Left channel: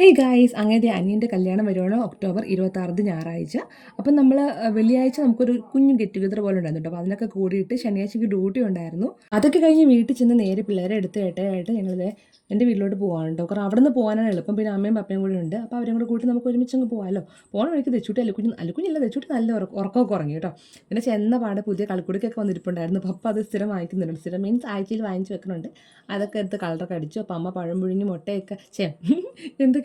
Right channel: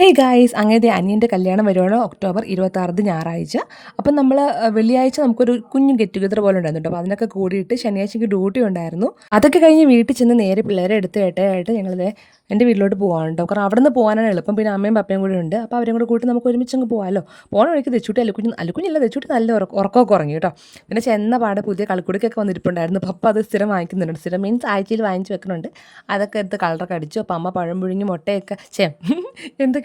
Hey guys അങ്ങനത്തെ അനിയന്റെ കല്യാണം വരുവാണ് ഒക്ടോബർ ഇരുപത്താറിന് ഞായറാഴ്ച. അപ്പം നമ്മൾ വെള്ളിയാഴ്ച നമുക്കൊരു കുഞ്ഞു ഗെറ്റ് ടുഗദർ പോലെ ഉണ്ടായിരുന്നു അപ്പോൾ അതിനൊക്കെ കൂടിയിട്ട് ശനിയാഴ്ചയ്ക്ക് ഡ്യൂട്ടി ഉണ്ടായിരുന്നു. അതൊക്കെ കഴിഞ്ഞ് വീട്ടിൽ ചെന്ന് നേരെ പിള്ളേരെ എടുത്ത് ഏട്ടയായിട്ട് ഞങ്ങളിത് എന്റെ വീട്ടിലോട്ട് പോകാനുണ്ട് കാരണം അവിടെ നിന്ന് പോകാനാണ് എളുപ്പം. പിന്നെ അമ്മയും പപ്പയും കൂടെ ഉണ്ട്. അപ്പോൾ അവരും കൂടെ കൂട്ടി നമുക്ക് ഒരുമിച്ച് അങ്ങ് പോകാമല്ലോ പോകണ വഴിക്ക് തെച്ചുട്ടി അല്ലുക്കുഞ്ഞ് അല്ലുക്കുഞ്ഞില്ല തെച്ചുട്ടി നല്ല ഉറക്ക ഉറക്കമൊക്കെ ഉറങ്ങി കേട്ടോ. പിന്നെ ചെന്ന പാടെ പുതിയ കളിക്കുടിക്കൊക്കെ വന്നിരിപ്പുണ്ടായിരുന്നു. പപ്പ അത് സ്ഥിരം വാങ്ങിക്കുന്നുണ്ട്. സ്ഥിരം മീൻസ് ആഴ്ചയിൽ വാങ്ങിച്ച് വെക്കുന്നുണ്ട് അതൊക്കെ എടുത്ത് കളറൊക്കെ അടിച്ചു. അപ്പോൾ അമ്മ പഴം പുഴുങ്ങി മുട്ടയൊക്കെ ചേ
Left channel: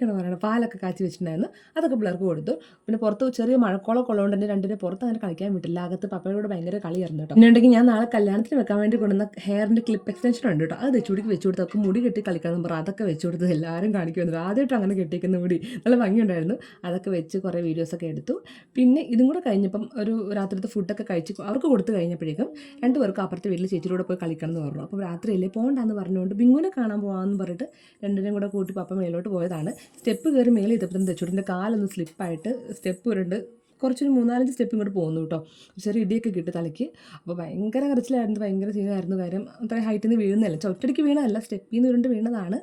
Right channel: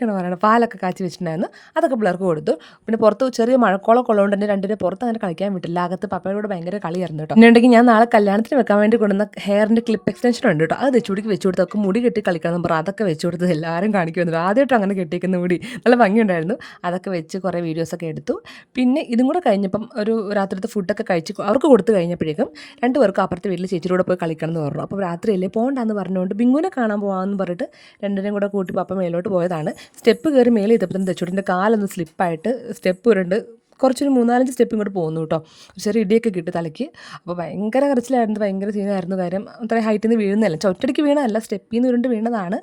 എന്തൊക്കെയാണ് പറയുന്നത് പാലൊക്കെ കാച്ചി വെച്ചിട്ടുണ്ടായിരുന്നു. അതൊക്കെ പിള്ളേർക്ക് കൊടുത്തു. പിന്നെ പുറത്ത് ചെറിയ മഴക്കോളൊക്കെ ഉള്ളതുകൊണ്ട് തന്നെ രണ്ടിനെ പുറത്ത് അങ്ങനെ കളിക്കാൻ വിട്ടില്ല. അകത്ത് പപ്പയുടെ കൂടെ ഭയങ്കര കളിയായിരുന്നു കേട്ടോ. പിന്നെ ഉണ്ടെങ്കിൽ ഞാൻ നാളെ കല്യാണത്തിന് വെക്കാൻ വേണ്ടി കൊണ്ടുവന്ന ഹെയറിന്റെ ക്ലിപ്പ് എക്സ്റ്റൻഷൻ ഉണ്ട് കേട്ടോ. അത് തെച്ചുടിക്ക് വെച്ച് കൊടുത്തൊക്കെ മുടി കെട്ടി കളിക്കണം പറ അതൊക്കെ വെച്ച് കൊടുത്തത് എല്ലാവരും കാണിക്കുന്നുണ്ട് ആദ്യമായിട്ട് അങ്ങനെ കെട്ടിക്കുന്ന മുടി. നല്ല ഭംഗിയുണ്ടായിരുന്നു. അതൊക്കെ വെച്ച് കുറേ വീഡിയോസൊക്കെ എടുത്തു. പിന്നെ ഇതും കൂടെ കഴിഞ്ഞപ്പം ഒരു രാത്രിത്തെ ഫുഡൊക്കെ കഴിച്ച് അവർക്ക് കൊടുത്തു കഴിഞ്ഞപ്പോഴേക്കും രണ്ടുപേർക്കും അപ്പുറത്തെ വീട്ടിൽ ചേച്ചിയുടെ പോയി കളിക്കണം എന്ന് പറഞ്ഞു. അപ്പോൾ രാത്രിയല്ലേ പോകണ്ടെന്ന് പറഞ്ഞുകൊണ്ട് ബിങ്ങുനെ കാണാൻ പോകാമെന്ന് പറഞ്ഞിട്ട് രണ്ടിനെയും കൂടെ കൂട്ടി പപ്പ മേലോട്ട് പോയതാണ്. സ്റ്റെപ്പ് കയറി മേലെ ചെയ്തപ്പോഴത്തേനും തെച്ചുടിന്റെ കാലൊന്ന് സ്ലിപ്പായിട്ട് സ്റ്റെപ്പ് ഉരുണ്ട് കുറച്ചൊരു മൂന്നാലഞ്ച് സ്റ്റെപ്പ് ഇങ്ങോട്ട് പോകുന്നു കേട്ടോ. ചെറിയ ഇടിയൊക്കെ കിട്ടി തലയ്ക്ക്. അപ്പോൾ ഭയങ്കര കരച്ചിലായിരുന്നു ഭയങ്കര സീനായിരുന്നു കാര്യം അത്രയും ഹൈറ്റിൽ നിന്ന് വീഴുന്നതല്ല. ചൊറ്റടിക്ക് വീണതല്ല. സ്റ്റെപ്പിൽ നിന്ന് ഉരുണ്ട് വീണതാണ്.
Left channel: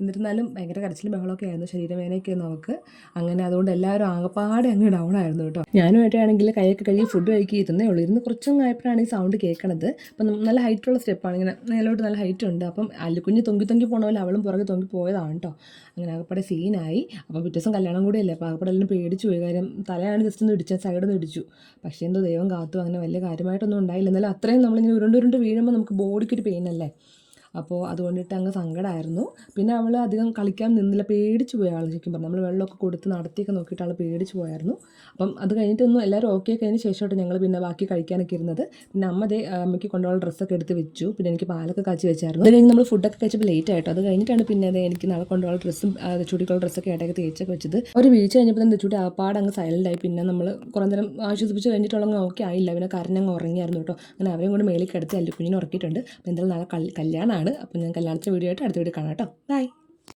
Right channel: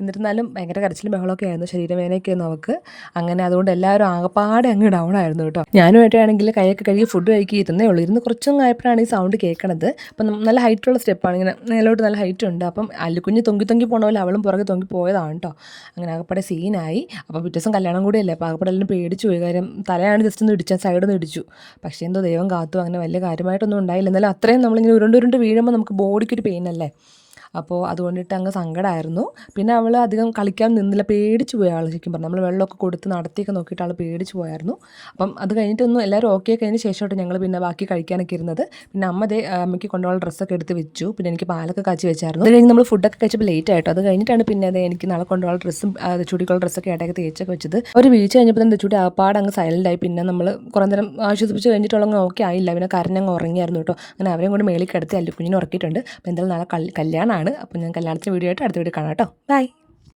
എന്നിരുന്നാലും ഭയങ്കര കരച്ചിലും ബഹളമൊക്കെ ആയിരുന്നു ശരീരവേദനയൊക്കെ ആയിരുന്നു അവൾക്ക്. അങ്ങനെ അതുകൊണ്ട് എല്ലാവരും ആകപ്പാടെ അങ്ങ് ഡൗൺ ആയിരുന്നു കേട്ടോ. ഞാനുമായിട്ടാണെങ്കിൽ കൈയൊക്കെ കഴുകി ഫുഡ് കഴിക്കി ഇരുന്നേ ഉള്ളൂ. ഇരുന്ന് കുറച്ചും ആയപ്പോഴാണ് ഈ സൗണ്ട് കേൾക്കണത്. അപ്പം നല്ല ഹൈറ്റുള്ള സ്റ്റെപ്പാണ് ഇങ്ങനെ മേലോട്ട് നല്ല ഹൈറ്റ് ഉണ്ട്. അപ്പം അല്ലുക്കുഞ്ഞ് തൊങ്കി തൊങ്കി പോണ പോലെ അവളും പുറകെ തൊങ്കി പോയതാണ് കേട്ടോ. അങ്ങനെ ആകപ്പാടെ സീനായി അപ്പോൾ പിറ്റേ ദിവസം കല്യാണം കൂടിയല്ലേ? അപ്പോൾ ആകപ്പാടെ എല്ലാം പേടിച്ചു പോയി. കാര്യം തലയാണ് ജസ്റ്റ് ഒന്ന് ഇടിച്ചാൽ സൈഡിൽ ഇടിച്ചു. പക്ഷേ എന്തോ ദൈവം കാത്തു. അങ്ങനെ വലിയ കാര്യമായിട്ടൊന്നും ഉണ്ടായില്ല. എന്നാലും അത്രയും നമ്മളിങ്ങനെ ഉരുണ്ട് ഉരുണ്ട് വീഴുമ്പോൾ നമുക്ക് ബോഡിക്കൊരു പെയിൻ അല്ലേ? അപ്പോൾ അതുകൊണ്ടിട്ട് അങ്ങ് സങ്കടമായിരുന്നു പിന്നെ അവൾ അധികം കളിക്കാൻ നിന്നില്ല പേടിച്ചു പോയി ആൾ ശരിക്കും പറഞ്ഞു. നമ്മൾ വെള്ളമൊക്കെ കൊടുത്ത് നടത്തിയൊക്കെ നോക്കിയിട്ട് ആൾ പേടിച്ചു പോയായിരുന്നു. അപ്പം അത് കഴിഞ്ഞിട്ടൊന്നും എല്ലാവരും ഓക്കെ കഴിഞ്ഞ ശേഷമായിട്ട് ഞങ്ങൾ പിന്നെ ബാക്കി കഴിക്കാനൊക്കെ ഇരുന്നത്. പിന്നെ അമ്മ അതേ അമ്മയ്ക്ക് കൊണ്ടുപോകാൻ ഡ്രസ്സൊക്കെ എടുത്ത് വെച്ചു. പിന്നെ എനിക്ക് പാലൊക്കെ കാച്ചി വെച്ചായിരുന്നു. അത് കഴിഞ്ഞ് നമ്മൾ ഫുഡൊക്കെ കഴിച്ചപ്പോൾ ലേറ്റ് ആയിട്ടോ. അത് കഴിഞ്ഞിട്ടാണ് പിന്നെ അത് എനിക്ക് നാളെ കൊണ്ടുപോകാൻ ഡ്രസ്സും ചുടിക്കുള്ള ഡ്രസ്സൊക്കെ ഇടയ്ക്ക് തേച്ചൊക്കെ വെച്ചത്. ഒരു വീഴ്ച കഴിഞ്ഞപ്പോൾ തന്നെ ചുടി ആപ്പാട് അങ്ങ് സൈലന്റായി പിന്നെ നമ്മൾ കുറേ നേരം ആശ്വസിപ്പിച്ച് കഴിഞ്ഞിട്ടുള്ള ഓക്കെ ആയില്ല. പിന്നെ കരഞ്ഞങ്ങ് ഉറങ്ങിയായിരുന്നു കേട്ടോ. അങ്ങനെ അവരെയും കൊണ്ട് മേളിൽ കിടത്തി അല്ലുക്കുഞ്ഞിനെ ഉറക്കിയിട്ടുണ്ട്. അപ്പോൾ എന്തായാലും നാളെ കല്യാണമാണ് അപ്പോൾ ഞാൻ കല്യാണത്തിന് വീഡിയോ ആയിട്ട് അടുത്ത വീഡിയോ കാണാം കേട്ടോ. ബൈ